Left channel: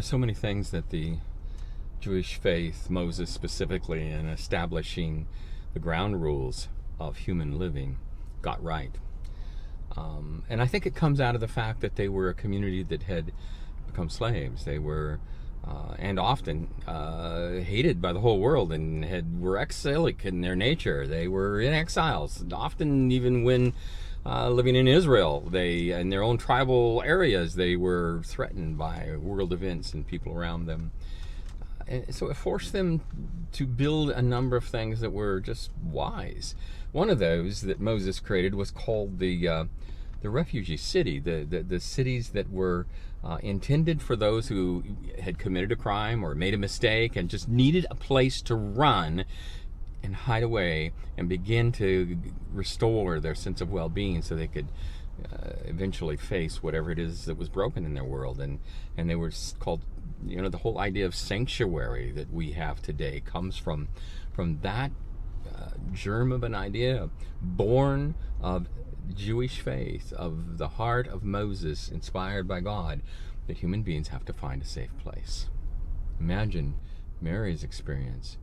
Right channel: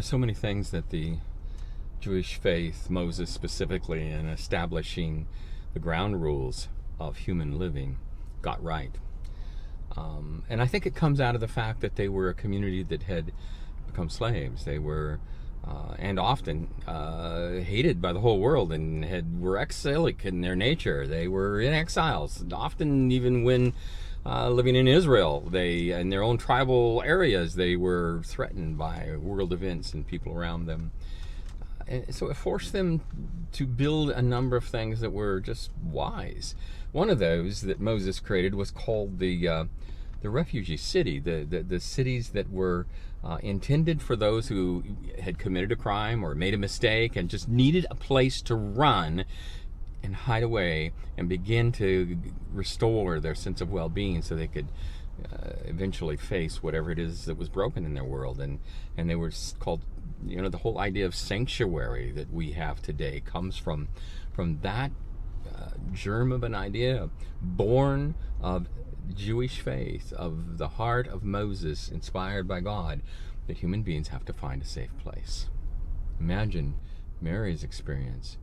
There's so many things that the Jewish faith, Moses specifically, in establishing the ground rules of human living, got right. And I think it comes out of the fact that they were a community that had become slaves. They were, and often, hated by the whole world, and were exilic in their nature. They were in exiles, often even when living in Israel. In their own tribal areas, they were threatened by world events and people around them. And so it forced them to build a number of things that were just wise. One of those that Moses created was called the refugee city, the cities that were intended for those who had committed a crime or made a mistake and just needed a place to run and hide away and begin to restore their sense of well-being so they could eventually face whatever it is that was broken in their world. And they were called, the whole idea of sanctuary that we have today comes from that germ of an idea born of Jewish faith, of the heart of Moses, inspired by God, that human beings have to find a safe place. Imagine Mary's experience.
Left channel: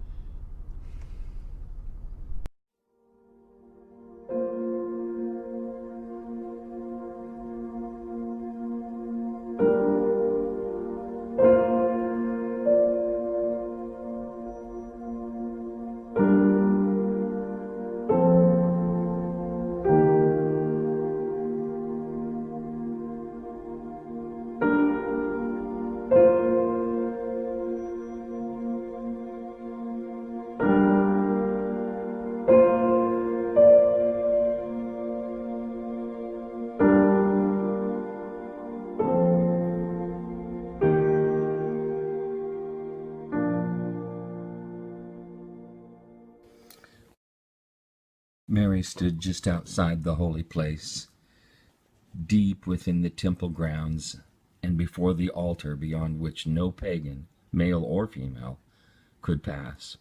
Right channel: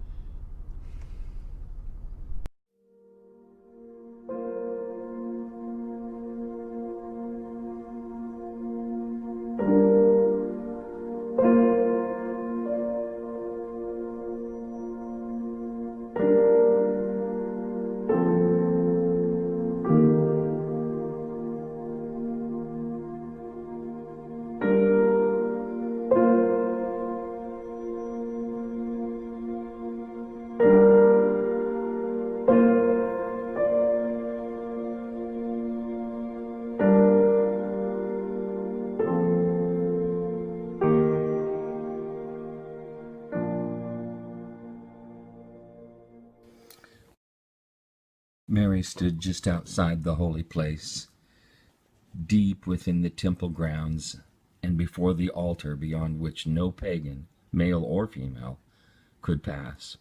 Mary stood just outside the holy place, deep within the temple grounds, and before the altar beyond which no pagan, male or female, could pass.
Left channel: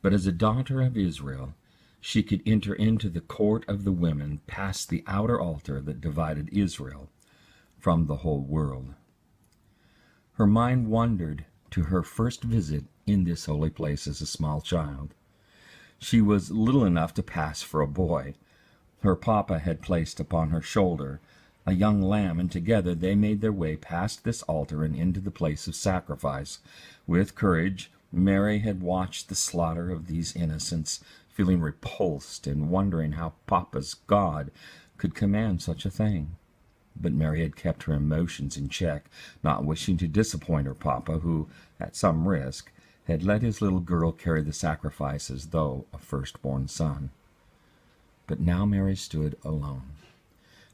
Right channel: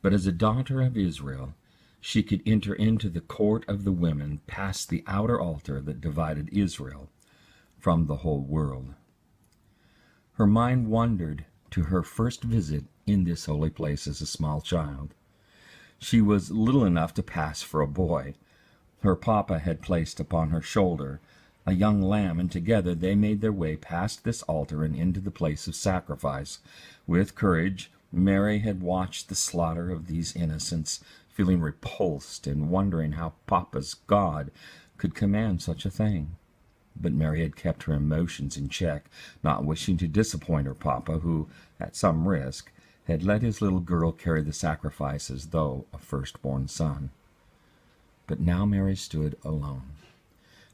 But as a daughter of Israel, she could enter into the court of the women past the outer altar that divided Israel from the whole world. Her mind wandered to her first visit in this holy place as a small child. She was little enough to pass for a boy. Her papa had placed upon her shoulder a young lamb, and together they made their way past this altar and into the place of sacrifice. With courage, Mary had watched the slaughter of these innocents, feeling repulsed and wondering how papa's God could command such a thing. But Mary had kept her emotions in check, not wishing to disappoint her papa, who, at some risk, had let his little girl carry the sacrifice as though a firstborn son. But now Mary stood alone.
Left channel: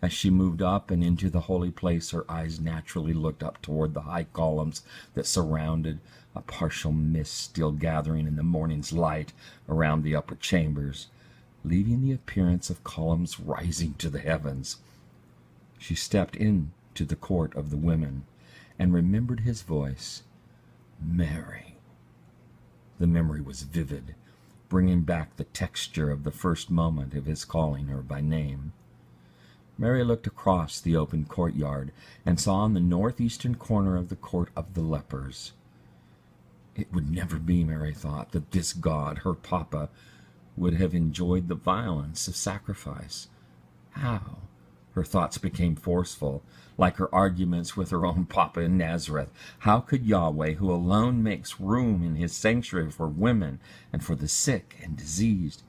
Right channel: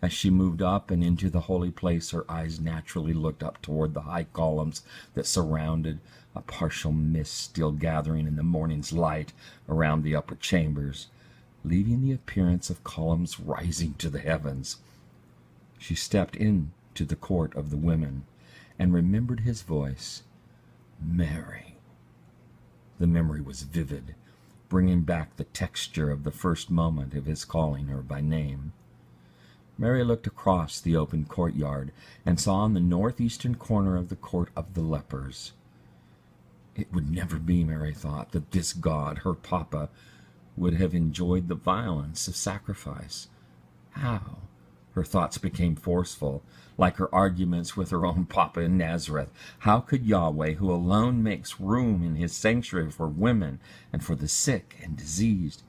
As she moved up and into the holy place, her eyes naturally looked up toward the high columns that surrounded, a partial mist still gathering in the morning's light around the upper chambers, leaving the appearance of columns rising to the heavens. She stepped into the court of the women and remembered his voice, "Mary." The memory was vivid, bringing back the texture of the first moment of his calling her by name. Mary looked across the open courtyard and saw in the northeastern corner of the court of the lepers. It would never be, Mary thought, that this God, her papa, would have enjoyed the violence of sacrifice. How? Her thoughts became forceful, like her arguments with her own papa in Nazareth. How could Yahweh, who alone makes room in his sanctuary for women and for the sick and diseased,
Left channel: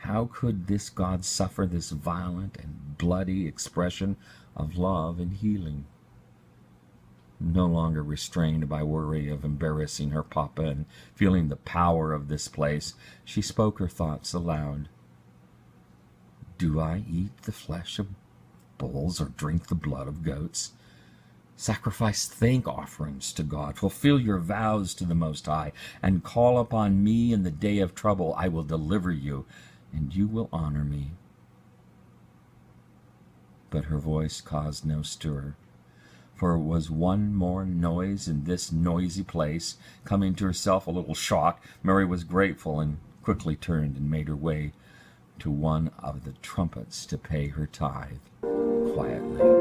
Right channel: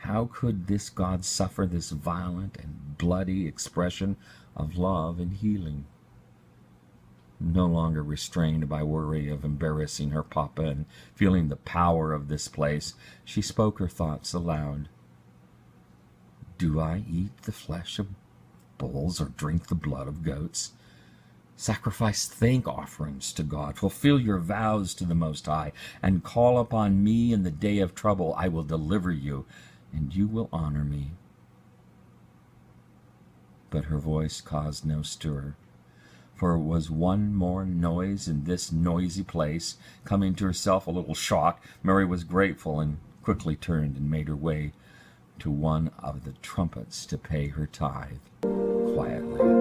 how could this God suffer this violent and bloody expression of love and healing? No longer restrained by worry of embarrassing her papa and feeling the power of this place, she spoke her thoughts aloud. Do I eat the flesh of bulls or drink the blood of goats? Sacrifice thank offerings to God, fulfill your vows to the Most High, and call upon me in the day of trouble. I will deliver you, and you will honor me. But her voice caused no stir, for it was one more noise in this noisy place. Coming to herself a little shocked, Mary was grateful and quickly turned and made her way to one of the trumpets to pay her tithe quietly.